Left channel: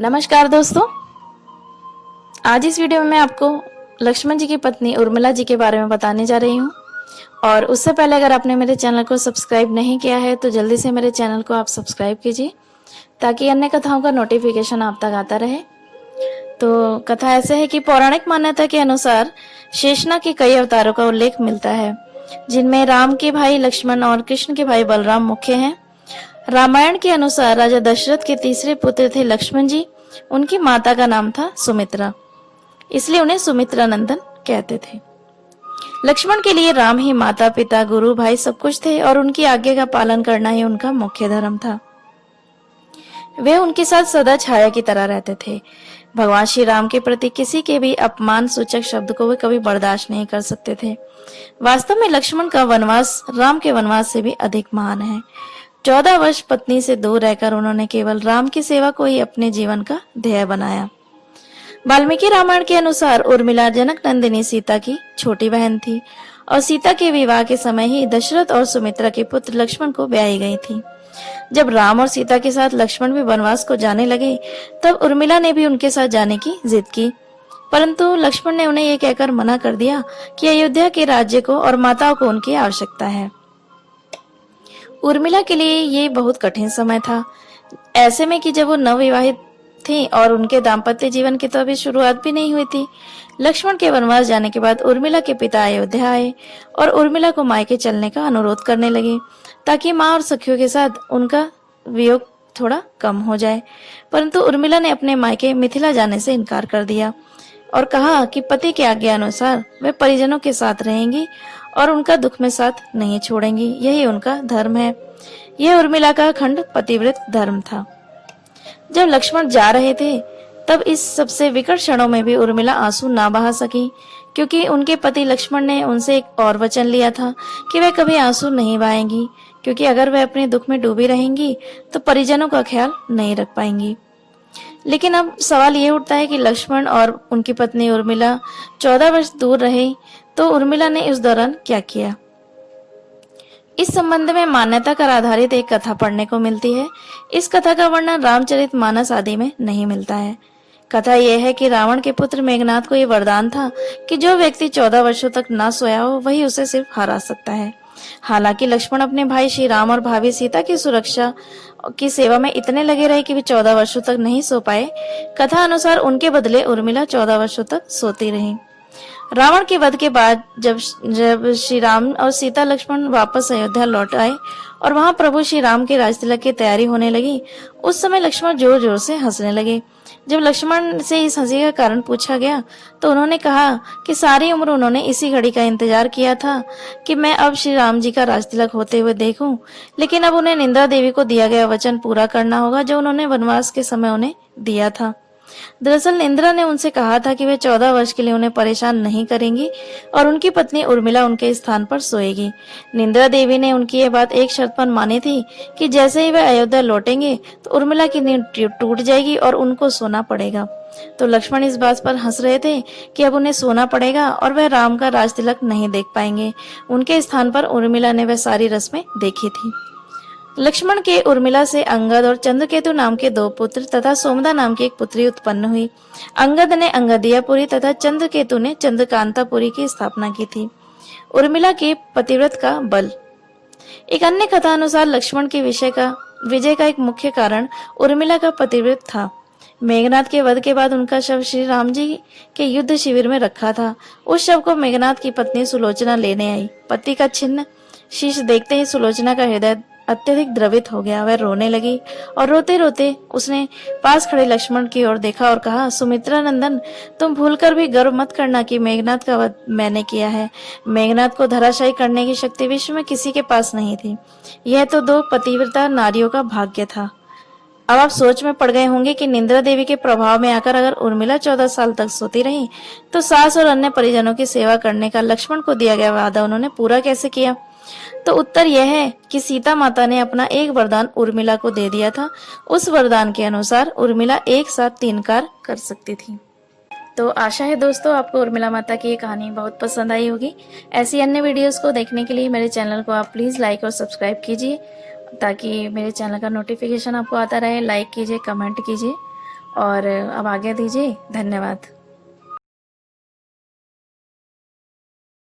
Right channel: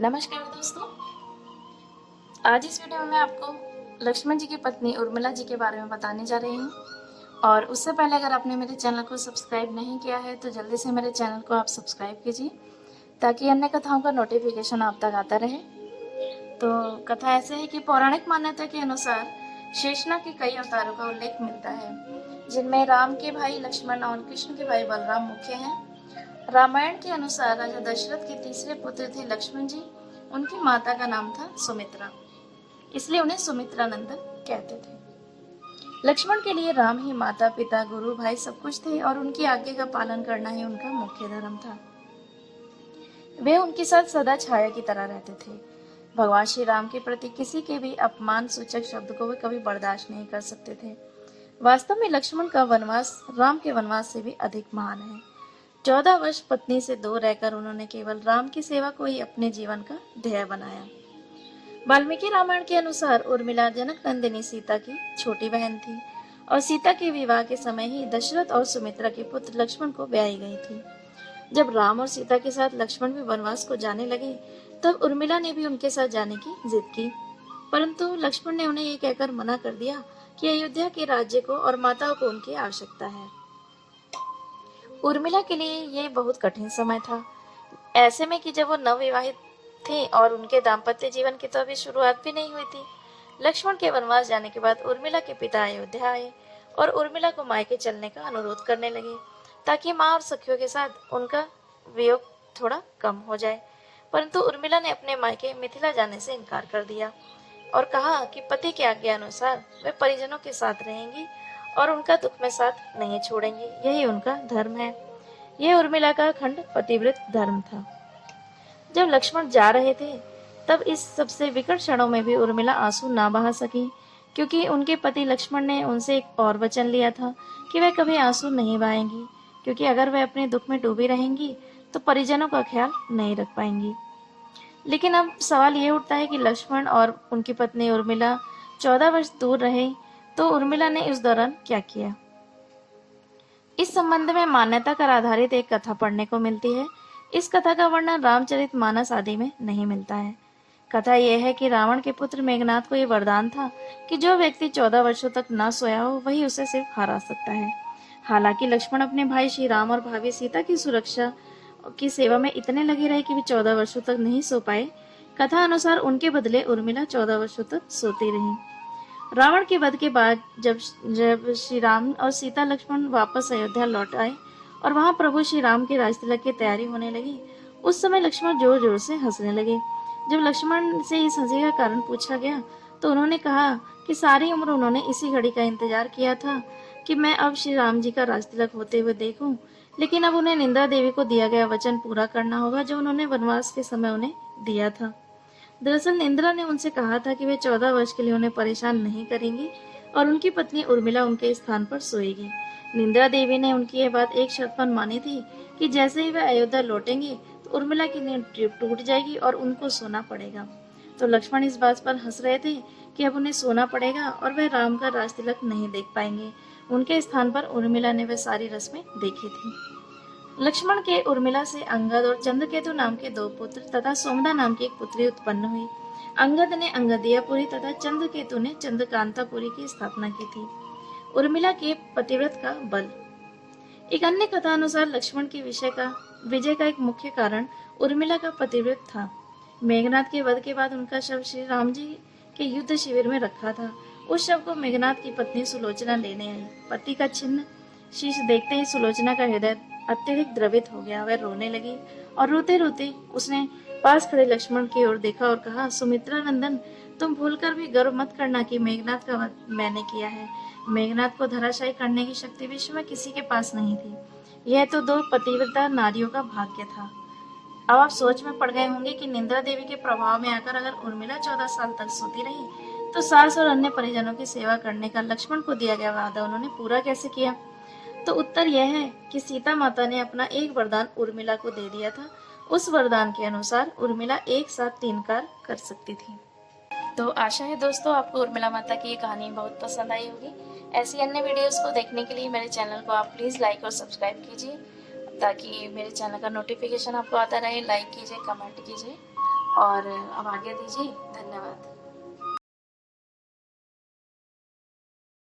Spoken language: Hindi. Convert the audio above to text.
नमस्कार दोस्तों, आज इस वीडियो में मैं आपको लक्ष्मण जी की पत्नी उर्मिला जी के बारे में बताने जा रही हूँ। और उससे पहले अगर आपने मेरे चैनल को सब्सक्राइब नहीं किया है तो जल्दी से मेरे चैनल को आप सब्सक्राइब कीजिए ताकि अन्य कथाओं का नोटिफिकेशन आप तक आता रहे। तो कथा ऐसे है कि पौराणिक मान्यता के अनुसार शेषनाग के कई अवतारों का उल्लेख मिलता है, जिनमें राम के भाई लक्ष्मण और कृष्ण के भाई बलराम मुख्य हैं। रामायण के अनुसार राजा दशरथ के तीसरे पुत्र थे लक्ष्मण जी। उनकी माता का नाम था सुमित्रा, इसलिए उन्हें सुमित्रा नंदन कहते थे। लक्ष्मण के लिए राम ही माता पिता गुरु भाई सब कुछ थे और उनकी आज्ञा का पालन करना ही उनका मुख्य धर्म था। वे उनके साथ सदा छाया की तरह रहते थे। भगवान श्री राम के प्रति किसी के भी अपमान सूचक शब्द को वे कभी बर्दाश्त नहीं कर सकते थे। वास्तव में लक्ष्मण का वनवास राम के वनवास से भी अधिक महान है। 14 वर्ष पत्नी से दूर रहकर उन्होंने केवल राम की सेवा को ही अपने जीवन का ध्येय बनाया। वाल्मीकि रामायण के अनुसार उर्मिला जनक नंदिनी सीता की छोटी बहन थी और सीता के विवाह के समय ही दशरथ और सुमित्रा के पुत्र लक्ष्मण को ब्याही गई थी। जब राम और सीता के साथ लक्ष्मण भी वनवास को जाने लगे तब उर्मिला ने भी उनके साथ जाने की जिद की, परंतु लक्ष्मण ने उन्हें ये कहकर मना कर दिया कि अयोध्या के राज्य को और माताओं को उनकी आवश्यकता है। उर्मिला के लिए ये बहुत कठिन समय था, ऐसे में कि जब वो नवविवाहित थी और उनके दाम्पत्य जीवन की तो अभी शुरुआत भी नहीं हुई थी। लक्ष्मण के वनवास जाने के बाद उर्मिला के पिता अयोध्या आए और उर्मिला को मायके चलने का अनुरोध करने लगे ताकि माँ और सखियों के साथ उनका वियोग थोड़ा कम हो जाए। परंतु उर्मिला ने अपने मायके मिथिला जाने से इनकार कर दिया और कहा कि पति की आज्ञा अनुसार वे परिजनों के साथ रहेंगी और उनका दुख में साथ नहीं छोड़ेंगी, यही उनका धर्म है। यह उर्मिला का अखंड पतिव्रत धर्म था। जब लक्ष्मण जा रहे थे तब इस सबसे विकट क्षणों में भी उर्मिला आंसू ना बहा सकी, क्योंकि उनके पति लक्ष्मण ने उनसे एक और वचन लिया था कि वे कभी आंसू नहीं बहाएंगी, क्योंकि अगर वे अपने दुख में डूबी रहेंगी तो परिजनों का ख्याल नहीं रख पाएंगी। लेकिन अब सवाल ये उठता है कि लक्ष्मण और उनकी पत्नी उर्मिला 14 वर्ष दूर रहे तो उर्मिला ने इस दौरान क्या किया। इस संबंध में मान्यता पर आधारित एक कथा पढ़ने को मिलती है। इस कथा का वर्णन रामचरितमानस आदि में नहीं मिलता है। कथा यह है कि रावण के पुत्र मेघनाद को यह वरदान था कि जो व्यक्ति 14 वर्षों तक ना सोया हो वही उसे सिर्फ हरा सकता है। हालांकि लक्ष्मण अपने भाई श्री राम और भाभी सीता की सुरक्षा की सेवा में इतने लगे रहे कि वे 14 वर्षों तक नहीं सो पाए। कथा अनुसार उनके बदले उर्मिला 14 वर्षों तक सोती रही। रावण के वध के बाद जब श्री राम और सीता लक्ष्मण वापस अयोध्या लौट आए और वहां प्रभु श्री राम के राजतिलक की तैयारी होने लगी, उस समय लक्ष्मण जोर जोर से हंसने लगे। जब लक्ष्मण से इस हंसी का कारण पूछा गया तो उन्होंने कहा कि सारी उम्र उन्होंने इसी घड़ी का इंतजार किया था कि मैं अब श्री राम जी का राजतिलक होते हुए देखूं, लेकिन अब उन्हें निंद्रा देवी को दिया गया वचन पूरा करना होगा जो उन्होंने वनवास के समय उन्हें दिया था। दरअसल इंद्रा ने उनसे कहा था कि वे 14 वर्ष के लिए उन्हें परेशान नहीं करेंगी और उनकी पत्नी उर्मिला उनके स्थान पर सोएगी। निंद्रा देवी ने उनकी यह बात एक शर्त पर मानी थी कि जैसे ही वे अयोध्या लौटेंगे तो उर्मिला की नींद टूट जाएगी और उनको सोना पड़ेगा। तो लक्ष्मण इस बात पर हंस रहे थे कि अब उन्हें सोना पड़ेगा और वह राम का राजतिलक नहीं देख पाएंगे। उनके स्थान पर उर्मिला ने वह सारी रस्में देखी थी। लक्ष्मण के उर्मिला से अंगद और चंद्रकेतु नाम के 2 पुत्र तथा सोमदा नाम की एक पुत्री उत्पन्न हुई। अंगद ने अंगदियापुरी तथा चंद्रकेतु ने चंद्रकांतापुरी की स्थापना की थी। उर्मिला के पतिव्रत का बल। एक अन्य कथा अनुसार लक्ष्मण के विजय का एक मुख्य कारण उर्मिला का पतिव्रत था। मेघनाद के वध के बाद उनका शव श्री राम जी के युद्ध शिविर में रखा था। उस शव को मेघनाद की पत्नी सुलोचना लेने आई। पति का छिन्न शीश देखते ही सुलोचना का हृदय अत्यधिक द्रवित हो गया। वह रोने लगी और रोते रोते उसने पास खड़े लक्ष्मण की ओर देखा और कहा, सुमित्रा नंदन, तुम भूलकर भी गर्व मत करना कि मेघनाद का वध मैंने किया है। मेघनाद को धराशायी करने की शक्ति विश्व में किसी के पास नहीं थी। यह तो 2 पतिव्रता नारियों का भाग्य था। अब आप सोच में पड़ गए होंगे कि निंद्रा देवी के प्रभाव में आकर अगर उर्मिला 14 साल तक सोती रही तो सास और अन्य परिजनों की सेवा करने का लक्ष्मण को दिया गया वादा उन्होंने पूरा कैसे किया। तो उत्तर यह है कि सीता माता ने अपना एक वरदान उर्मिला को दे दिया था। उस वरदान के अनुसार उर्मिला एक साथ 3 कार्य कर सकती थी। तो आशा है दोस्तों आपको उर्मिला माता की ये कहानी बहुत पसंद आई होगी। ऐसी अन्य वीडियोस को देखने के लिए मेरे चैनल को आप प्लीज़ लाइक और सब्सक्राइब कीजिए ताकि मेरे चैनल का नोटिफिकेशन आपको आता रहे। लाइक कीजिए, कमेंट कीजिए और अब आज्ञा दीजिए, धन्यवाद।